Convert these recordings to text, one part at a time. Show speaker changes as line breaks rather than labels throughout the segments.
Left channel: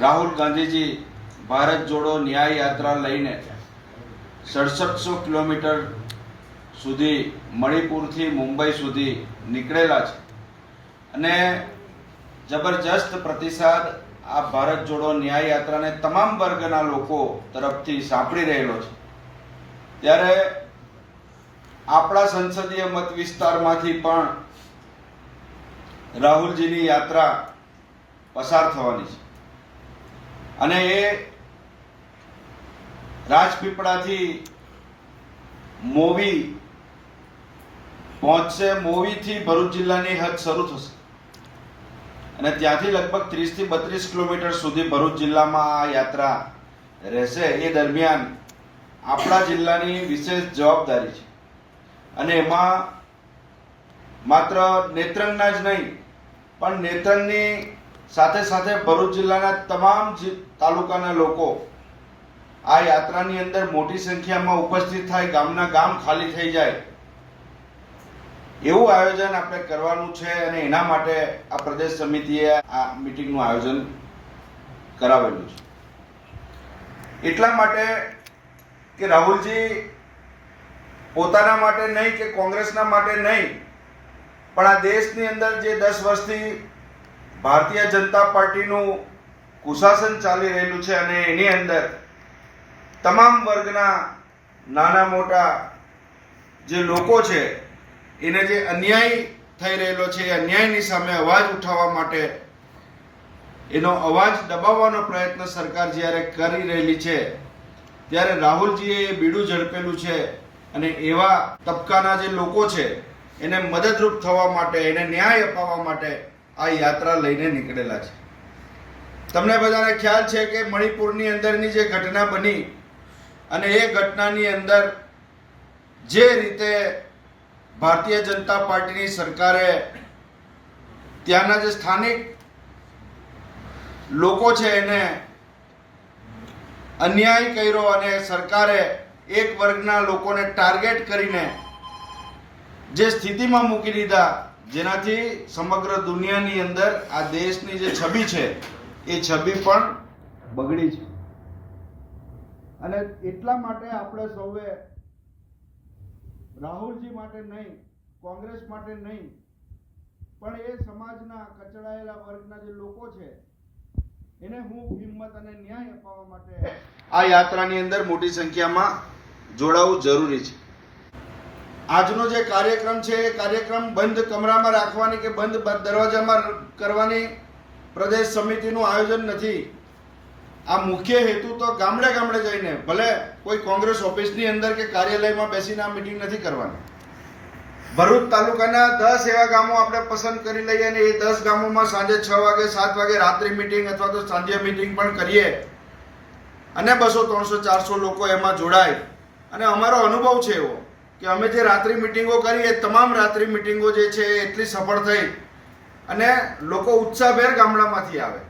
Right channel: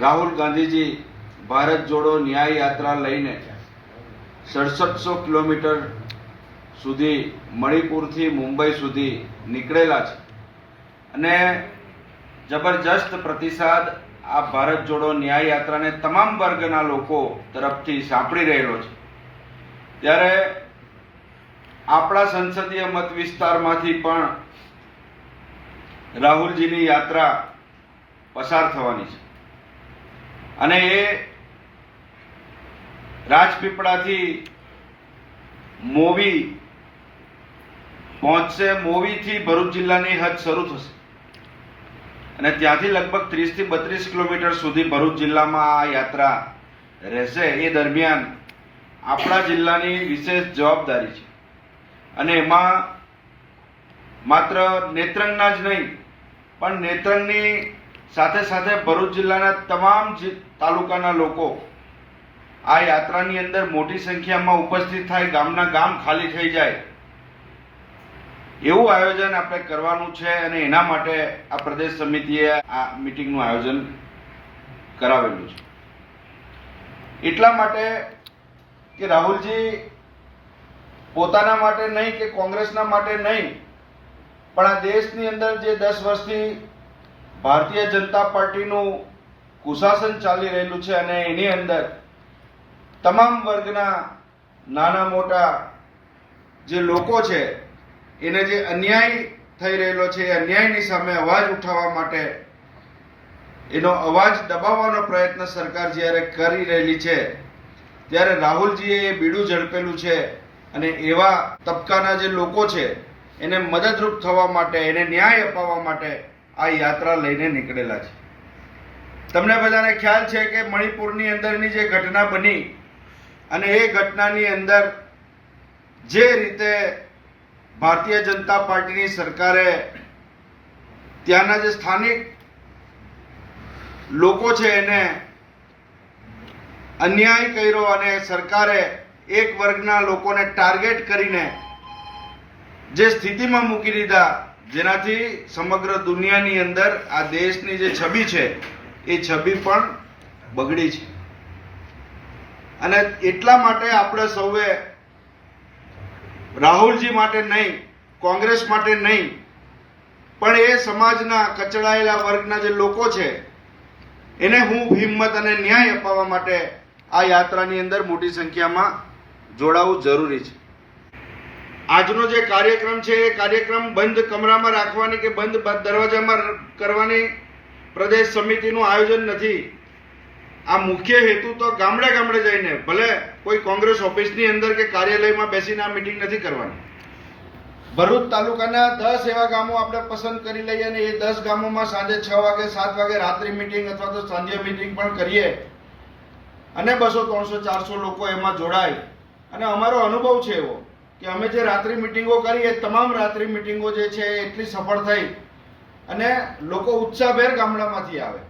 રાહુલ ગાંધીજી ભારત જોડો ન્યાય યાત્રા લઈને સડસઠસો કિલોમીટર સુધી મણિપુરથી મુંબઈ સુધી નીકળેલા છે. અને જબરજસ્ત પ્રતિસાદ આ ભારત જોડો ન્યાય યાત્રાને તમામ વર્ગના લોકો તરફથી સાંપડી રહેલો છે. ત્યારે આપણા સંસદીય મત વિસ્તારમાંથી પણ રાહુલજીની યાત્રા પસાર થવાની છે. અને એ રાજપીપળાથી મોવી પહોંચશે, મોવીથી ભરૂચ જિલ્લાની હદ શરૂ થશે. અને ત્યાંથી લગભગ ત્રીસથી બત્રીસ કિલોમીટર સુધી ભરૂચ જિલ્લામાં આ યાત્રા રહેશે. એ દરમિયાન આપણા જિલ્લાની વિશેષ જવાબદારી છે. અને એમાં માત્ર નેત્રંગના જ નહીં, પણ નેત્રંગની સાથે સાથે ભરૂચ જિલ્લાના તમામ તાલુકાના લોકો આ યાત્રાની અંદર મોટી સંખ્યામાં ઉપસ્થિત થાય, ગામના ગામ ખાલી થઈ જાય. એવું આયોજન આપણે કરવાનું છે અને એના માટે આ પ્રદેશ સમિતિએ આ મિટિંગનું આયોજન કરાવેલું છે. એટલા માટે કે રાહુલજી પોતાના માટે નહીં કે કોંગ્રેસના માટે નહીં, પણ આ દેશની અંદર જે દસ વર્ષથી ભારતીય જનતા પાર્ટીનું કુશાસન ચાલી રહેલું છે અને એની અંદર તમામ વર્ગના નાના મોટા જે લોકો છે, એને જે અન્યાય થઈ રહેલો છે, એ અન્યાયની સામે અવાજ ઉઠાવવા માટે એનો અવાજ દબાવવાનો પ્રયત્ન સરકાર જ્યારે કરી રહેલી છે, ત્યારે રાહુલજીએ એ બીડું ઝડપેલું છે અને એવા તબકાના જે લોકો છે, એને મદદરૂપ થવા માટે, એને ન્યાય અપાવવા માટે આ યાત્રા લઈને નીકળેલા છે. તમને બધાને ખ્યાલ છે કે મણિપુરની અંદરની જે ઘટના બની અને એ ઘટનાની અંદર જે રીતે ભારતીય જનતા પાર્ટીની સરકારે ત્યાંના જે સ્થાનિક લોકો છે એને અન્યાય કર્યો અને સરકારે એક વર્ગના લોકોને ટાર્ગેટ કરીને જે સ્થિતિમાં મૂકી દીધા જેનાથી સમગ્ર દુનિયાની અંદર આ દેશની જે છબી છે, એ છબી પણ બગડી છે. અને એટલા માટે આપણે સૌએ રાહુલજી માટે નહીં, કોંગ્રેસ માટે નહીં, પણ એ સમાજના કચડાયેલા વર્ગના જે લોકો છે, એને હું હિંમત અને ન્યાય અપાવવા માટે આ યાત્રાની અંદર મોટી સંખ્યામાં જોડાવું જરૂરી છે. આજનો જે કાર્યક્રમ છે, એ કાર્યક્રમ બંધ કમરામાં રાખવાની કે બંધ દરવાજામાં કરવાની પ્રદેશ સમિતિનું આયોજન નથી. આ મુખ્ય હેતુ તો ગામડે ગામડે જઈને, ભલે કોઈ કોંગ્રેસ ઓફિસની અંદર કે કાર્યાલયમાં બેસીને આ મિટિંગ નથી કરવાની. ભરૂચ તાલુકાના દસ એવા ગામો આપણે પસંદ કરી લઈએ અને એ દસ ગામોમાં સાંજે છ વાગે, સાત વાગે રાત્રિ મિટિંગ અથવા તો સાંજે મિટિંગ પણ કરીએ. અને બસો ત્રણસો ચારસો લોકો એમાં જોડાય. અને અમારો અનુભવ છે એવો કે અમે જે રાત્રિ મિટિંગો કરી, એ તમામ રાત્રિ મિટિંગો જે છે એટલી સફળ થઈ અને લોકો ઉત્સાહભેર ગામડામાંથી આવે.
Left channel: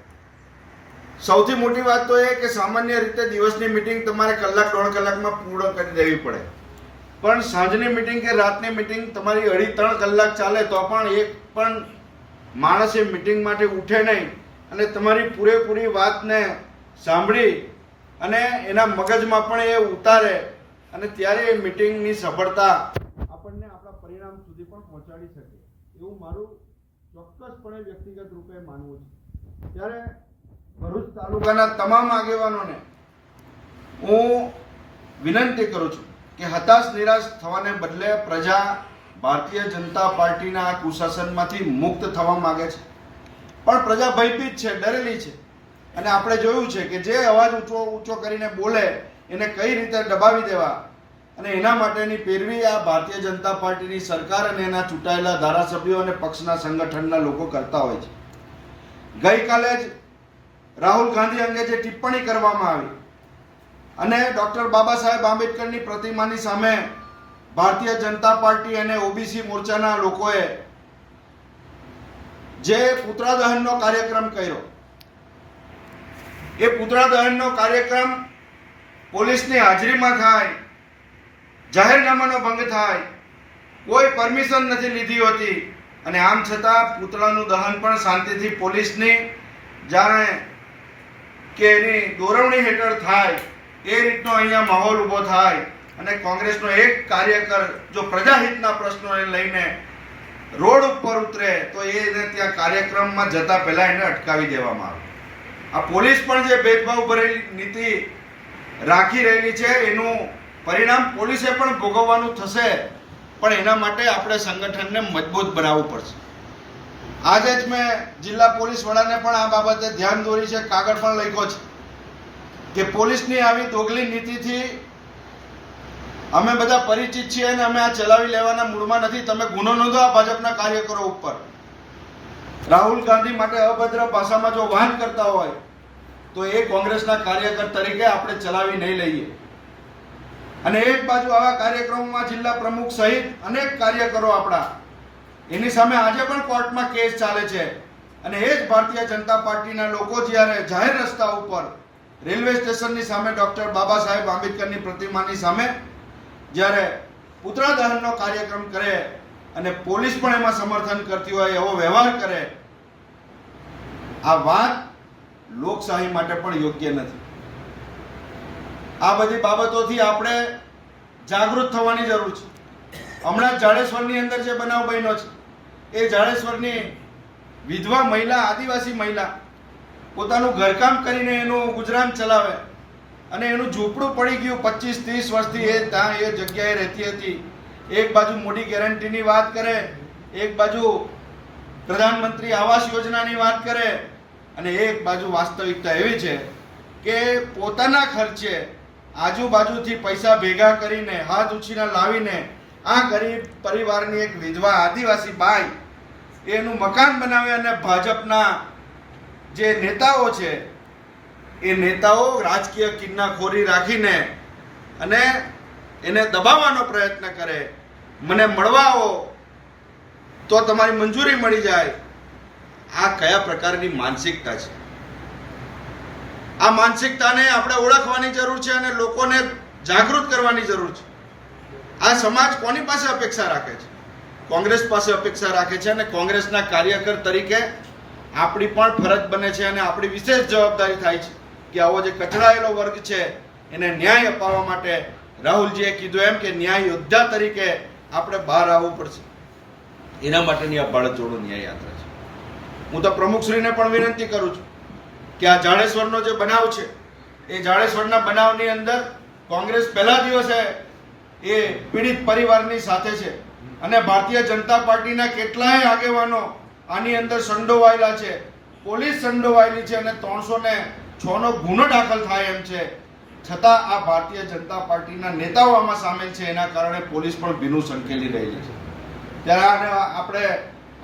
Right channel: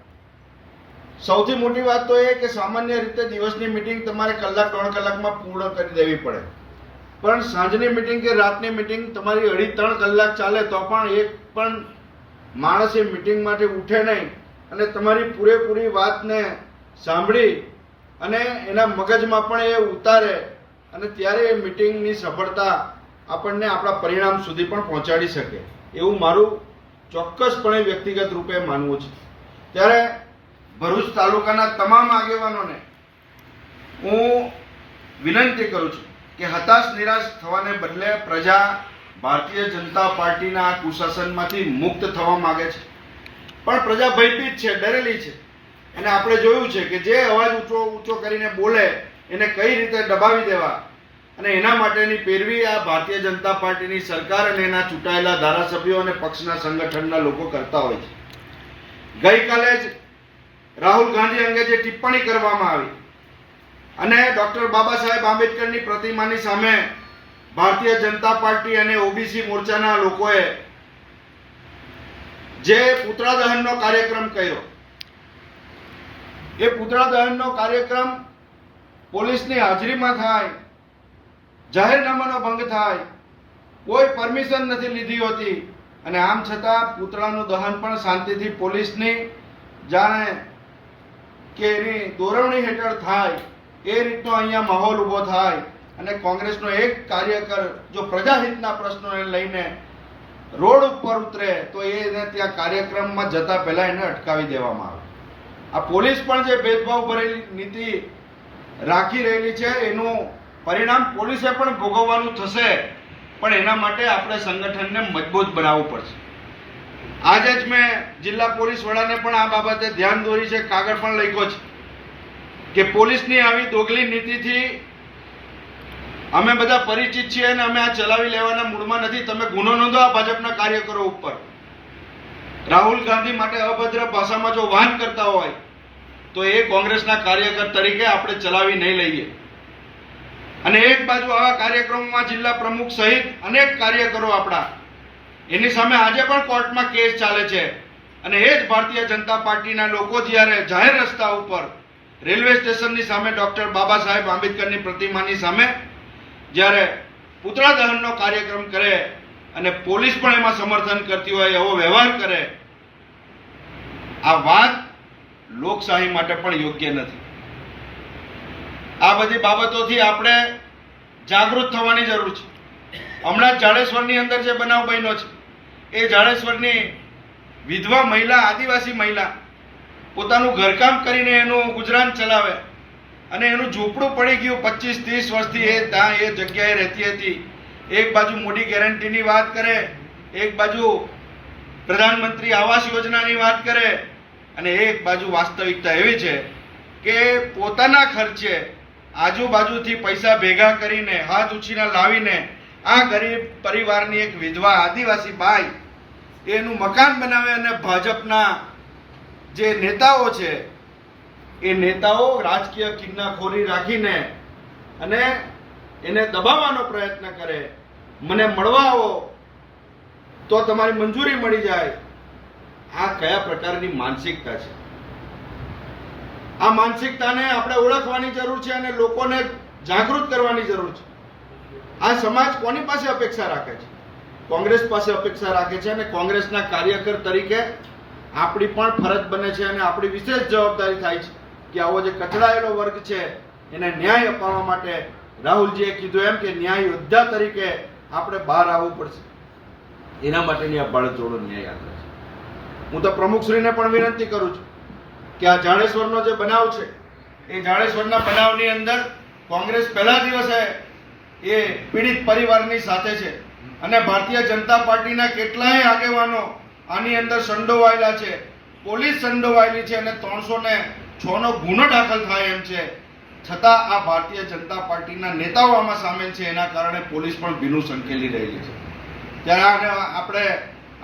સૌથી મોટી વાત તો એ કે સામાન્ય રીતે દિવસની મિટિંગ તમારે કલાક, દોઢ કલાકમાં પૂર્ણ કરી દેવી પડે. પણ સાંજની મિટિંગ કે રાતની મિટિંગ તમારી અઢી, ત્રણ કલાક ચાલે તો પણ એક પણ માણસ એ મિટિંગ માટે ઉઠે નહીં અને તમારી પૂરેપૂરી વાતને સાંભળી અને એના મગજમાં પણ એ ઉતારે અને ત્યારે એ મિટિંગની સફળતા આપણને આપણા પરિણામ સુધી પણ પહોંચાડી શકે. એવું મારું ચોક્કસપણે વ્યક્તિગત રૂપે માનવું છે. ત્યારે ભરૂચ તાલુકાના તમામ આગેવાનોને હું વિનંતી કરું છું કે હતાશ નિરાશ થવાને બદલે પ્રજા ભારતીય જનતા પાર્ટીના કુશાસનમાંથી મુક્ત થવા માગે છે. પણ પ્રજા ભયભીત છે, ડરેલી છે. અને આપણે જોયું છે કે જે અવાજ ઊંચો ઊંચો કરીને બોલે એને કઈ રીતે દબાવી દેવા? અને એના માટેની પેરવી આ ભારતીય જનતા પાર્ટીની સરકાર અને એના ચૂંટાયેલા ધારાસભ્યો અને પક્ષના સંગઠનના લોકો કરતા હોય છે. ગઈકાલે જ રાહુલ ગાંધી અંગે જે ટિપ્પણી કરવામાં આવી અને ડોક્ટર બાબા સાહેબ આંબેડકરની પ્રતિમાની સામે ભારતીય જનતા પાર્ટી અને ઓબીસી મોરચાના લોકોએ જે પુતળા દહનનો કાર્યક્રમ કર્યો, એ પુતળા દહનનો કાર્યક્રમ પોલીસની હાજરીમાં થાય, જાહેરનામાનો ભંગ થાય, કોઈ પરમિશન નથી લીધી હોતી. અને આમ છતાં પૂતળાનું દહન પણ શાંતિથી પોલીસની જાણે કે એની દોરવણી હેઠળ થાય, એ રીતનો અહીંયા માહોલ ઊભો થાય. અને કોંગ્રેસનો એક કાર્યકર જો પ્રજાહિતના પ્રશ્નોને લઈને રોડ ઉપર ઉતરે, તો એને ત્યાં કાર્યક્રમમાં જતા પહેલાં એને અટકાવી દેવામાં આવે. આ પોલીસ પણ જે ભેદભાવ ભરેલી નીતિ રાખી રહેલી છે. એનું પરિણામ પોલીસે પણ ભોગવવાનું થશે. પણ એના માટે આપણે સંગઠનને મજબૂત બનાવવું પડશે. આજે જ મેં જિલ્લા પોલીસ વડાને પણ આ બાબતે ધ્યાન દોરી છે. કાગળ પણ લખ્યો છે કે પોલીસની આવી દોગલી નીતિથી અમે બધા પરિચિત છીએ અને અમે આ ચલાવી લેવાના મૂળમાં નથી. તમે ગુનો નોંધો આ ભાજપના કાર્યકરો ઉપર. રાહુલ ગાંધી માટે અભદ્ર ભાષામાં જો વાહન કરતા હોય તો એ કોંગ્રેસના કાર્યકર તરીકે આપણે ચલાવી નહીં લઈએ. અને એક બાજુ આવા કાર્યક્રમોમાં જિલ્લા પ્રમુખ સહિત અનેક કાર્યકરો આપણા. એની સામે આજે પણ કોર્ટમાં કેસ ચાલે છે. અને એ જ ભારતીય જનતા પાર્ટીના લોકો જ્યારે જાહેર રસ્તા ઉપર રેલવે સ્ટેશનની સામે ડૉક્ટર બાબા સાહેબ આંબેડકરની પ્રતિમાની સામે જ્યારે પુતળા દહનનો કાર્યક્રમ કરે અને પોલીસ પણ એમાં સમર્થન કરતી હોય એવો વ્યવહાર કરે, આ વાત લોકશાહી માટે પણ યોગ્ય નથી. આ બધી બાબતોથી આપણે જાગૃત થવાની જરૂર છે. હમણાં જાડેશ્વરની અંદર જે બનાવ બન્યો છે, એ જાડેશ્વરની વિધવા મહિલા, આદિવાસી મહિલા પોતાનું ઘરકામ કરીને એનું ગુજરાન ચલાવે અને એનું ઝૂંપડું પડી ગયું પચીસ, ત્રીસ વર્ષથી, એ ત્યાં એ જગ્યાએ રહેતી હતી. એક બાજુ મોડી ગેરંટીની વાત કરે, એક બાજુ પ્રધાનમંત્રી આવાસ યોજનાની વાત કરે અને એક બાજુ વાસ્તવિકતા એવી છે કે પોતાના ખર્ચે આજુબાજુથી પૈસા ભેગા કરીને, હાથ ઉછીના લાવીને, આ ગરીબ પરિવારની એક વિધવા આદિવાસી બાઈ એનું મકાન બનાવે અને ભાજપના જે નેતાઓ છે, એ નેતાઓ રાજકીય કિન્નાખોરી રાખીને અને એને દબાવવાનો પ્રયત્ન કરે. મને મળવા આવો, તો તમારી મંજૂરી મળી જાય. આ કયા પ્રકારની માનસિકતા છે? આ માનસિકતાને આપણે ઓળખવાની જરૂર છે અને લોકોને જાગૃત કરવાની જરૂર છે. આ સમાજ કોની પાસે અપેક્ષા રાખે છે? કોંગ્રેસ પાસે અપેક્ષા રાખે છે અને કોંગ્રેસના કાર્યકર તરીકે આપણી પણ ફરજ બને છે અને આપણી વિશેષ જવાબદારી થાય છે કે આવો જે કચડાયેલો વર્ગ છે, એને ન્યાય અપાવવા માટે રાહુલજીએ કીધું એમ કે ન્યાય યોદ્ધા તરીકે આપણે બહાર આવવું પડશે. એના માટેની આ ભારત જોડો ન્યાય યાત્રા છે. હું તો પ્રમુખશ્રીને પણ વિનંતી કરું છું કે આ જાડેશ્વરનો જે બનાવ છે, એ જાડેશ્વરના બનાવની અંદર કોંગ્રેસ પહેલા દિવસે એ પીડિત પરિવારની સાથે છે અને ભારતીય જનતા પાર્ટીના કેટલાય આગેવાનો આની અંદર સંડોવાયેલા છે, પોલીસ સંડોવાયેલી છે અને ત્રણસો ને છ નો ગુનો દાખલ થાય એમ છે. છતાં આ ભારતીય જનતા પાર્ટીના નેતાઓ આમાં સામેલ છે, એના કારણે પોલીસ પણ ભીનું સંકેલી રહેલી છે. ત્યારે આને આપણે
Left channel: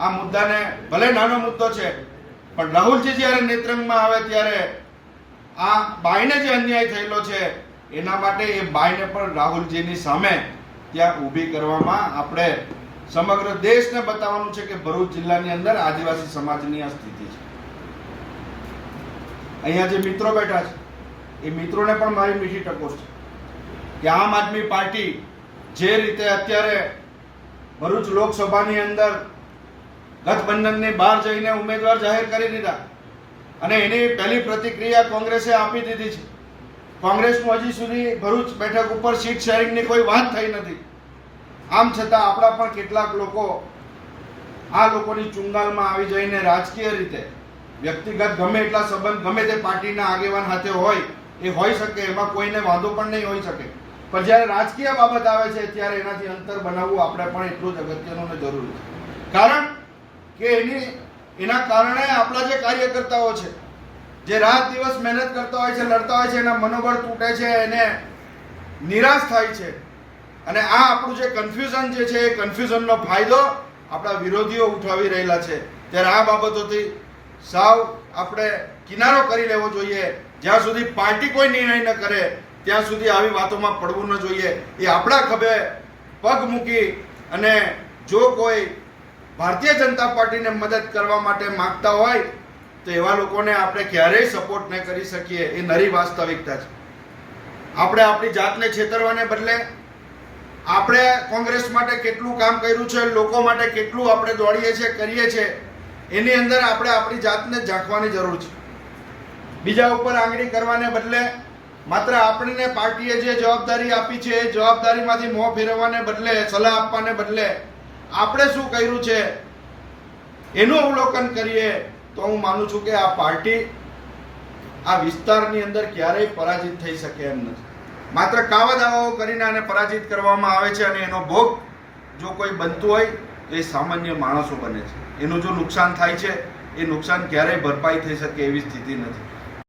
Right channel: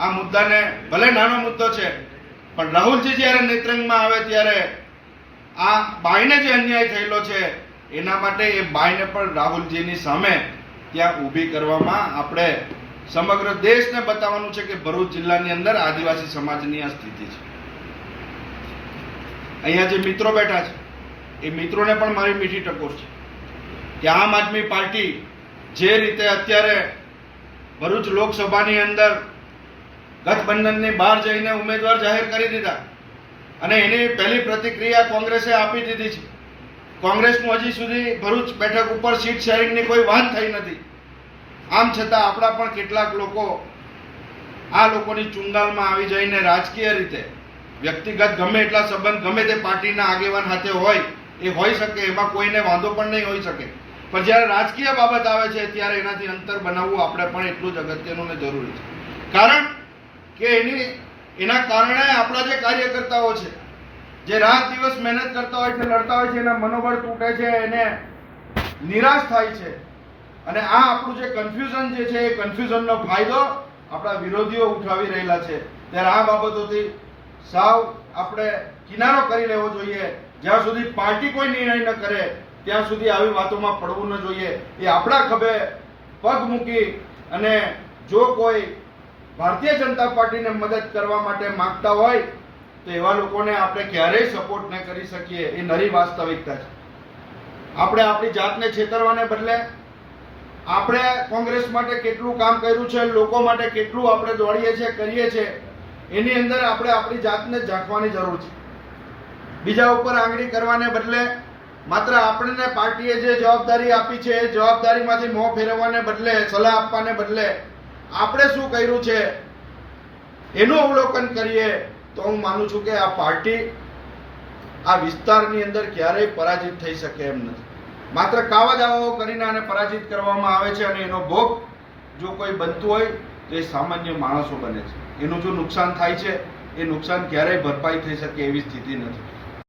આ મુદ્દાને ભલે નાનો મુદ્દો છે, પણ રાહુલજી જ્યારે નેત્રંગમાં આવે ત્યારે આ બાઈને જે અન્યાય થયેલો છે, એના માટે એ બાઈને પણ રાહુલજીની સામે ત્યાં ઊભી કરવામાં આપણે સમગ્ર દેશને બતાવવાનું છે કે ભરૂચ જિલ્લાની અંદર આદિવાસી સમાજની આ સ્થિતિ છે. અહીંયા જે મિત્રો બેઠા છે, એ મિત્રોને પણ મારી મીઠી ટકોર છે કે આમ આદમી પાર્ટી જે રીતે અત્યારે ભરૂચ લોકસભાની અંદર ગઠબંધનની બહાર જઈને ઉમેદવાર જાહેર કરી દીધા. અને એની પહેલી પ્રતિક્રિયા કોંગ્રેસે આપી દીધી છે. કોંગ્રેસનું હજી સુધી ભરૂચ બેઠક ઉપર સીટ શેરિંગની કોઈ વાત થઈ નથી. આમ છતાં આપણા પણ કેટલાક લોકો આ લોકોની ચુંગાલમાં આવી જઈને રાજકીય રીતે, વ્યક્તિગત ગમે એટલા સંબંધ, ગમે તે પાર્ટીના આગેવાન સાથે હોય, એ હોઈ શકે, એમાં કોઈને વાંધો પણ નહીં હોઈ શકે. પણ જ્યારે રાજકીય બાબત આવે છે, ત્યારે એનાથી અંતર બનાવવું આપણે પણ એટલું જ અગત્યનું ને જરૂરી છે. કારણ કે એની, એના કારણે આપણા જે કાર્યકર્તાઓ છે, જે રાત દિવસ મહેનત કરતા હોય છે, લડતા હોય છે, એના મનોબળ તૂટે છે, એને નિરાશ થાય છે. અને આ આપણું જે કન્ફ્યુઝન જે છે, એ કન્ફ્યુઝનનો ફાયદો આપણા વિરોધીઓ ઉઠાવી રહેલા છે. ત્યારે આ બાબતોથી સાવ આપણે કિનારો કરી લેવો જોઈએ. જ્યાં સુધી પાર્ટી કોઈ નિર્ણય ન કરે, ત્યાં સુધી આવી વાતોમાં પડવું ન જોઈએ. એ આપણા ખભે પગ મૂકી અને જો કોઈ ભારતીય જનતા પાર્ટીને મદદ કરવા માટે માંગતા હોય, તો એવા લોકોને આપણે ક્યારેય સપોર્ટ ન કરી શકીએ, એ નરી વાસ્તવિકતા છે. આપણે આપણી જાતને છેતરવાને બદલે, આપણે કોંગ્રેસ માટે કેટલું કામ કર્યું છે, લોકો માટે કેટલું આપણે દોડીએ છીએ, કરીએ છીએ, એની અંદર આપણે આપણી જાતને ઝાંખવાની જરૂર છે. બીજા ઉપર આંગળી કરવાને બદલે, માત્ર આપણને પાર્ટીએ જે જવાબદારી આપી છે, એ જવાબદારીમાંથી મોં ફેરવવાને બદલે, સલાહ આપવાને બદલે આપણે શું કર્યું છે? એનું અવલોકન કરીએ તો હું માનું છું કે આ પાર્ટી આ વિસ્તારની અંદર ક્યારેય પરાજિત થઈ શકે એમ નથી. માત્ર કાવા દાવાઓ કરીને આને પરાજિત કરવામાં આવે છે અને એનો ભોગ જો કોઈ બનતું હોય તો એ સામાન્ય માણસો બને છે. એનું જો નુકસાન થાય છે, એ નુકસાન ક્યારેય ભરપાઈ થઈ શકે એવી સ્થિતિ નથી.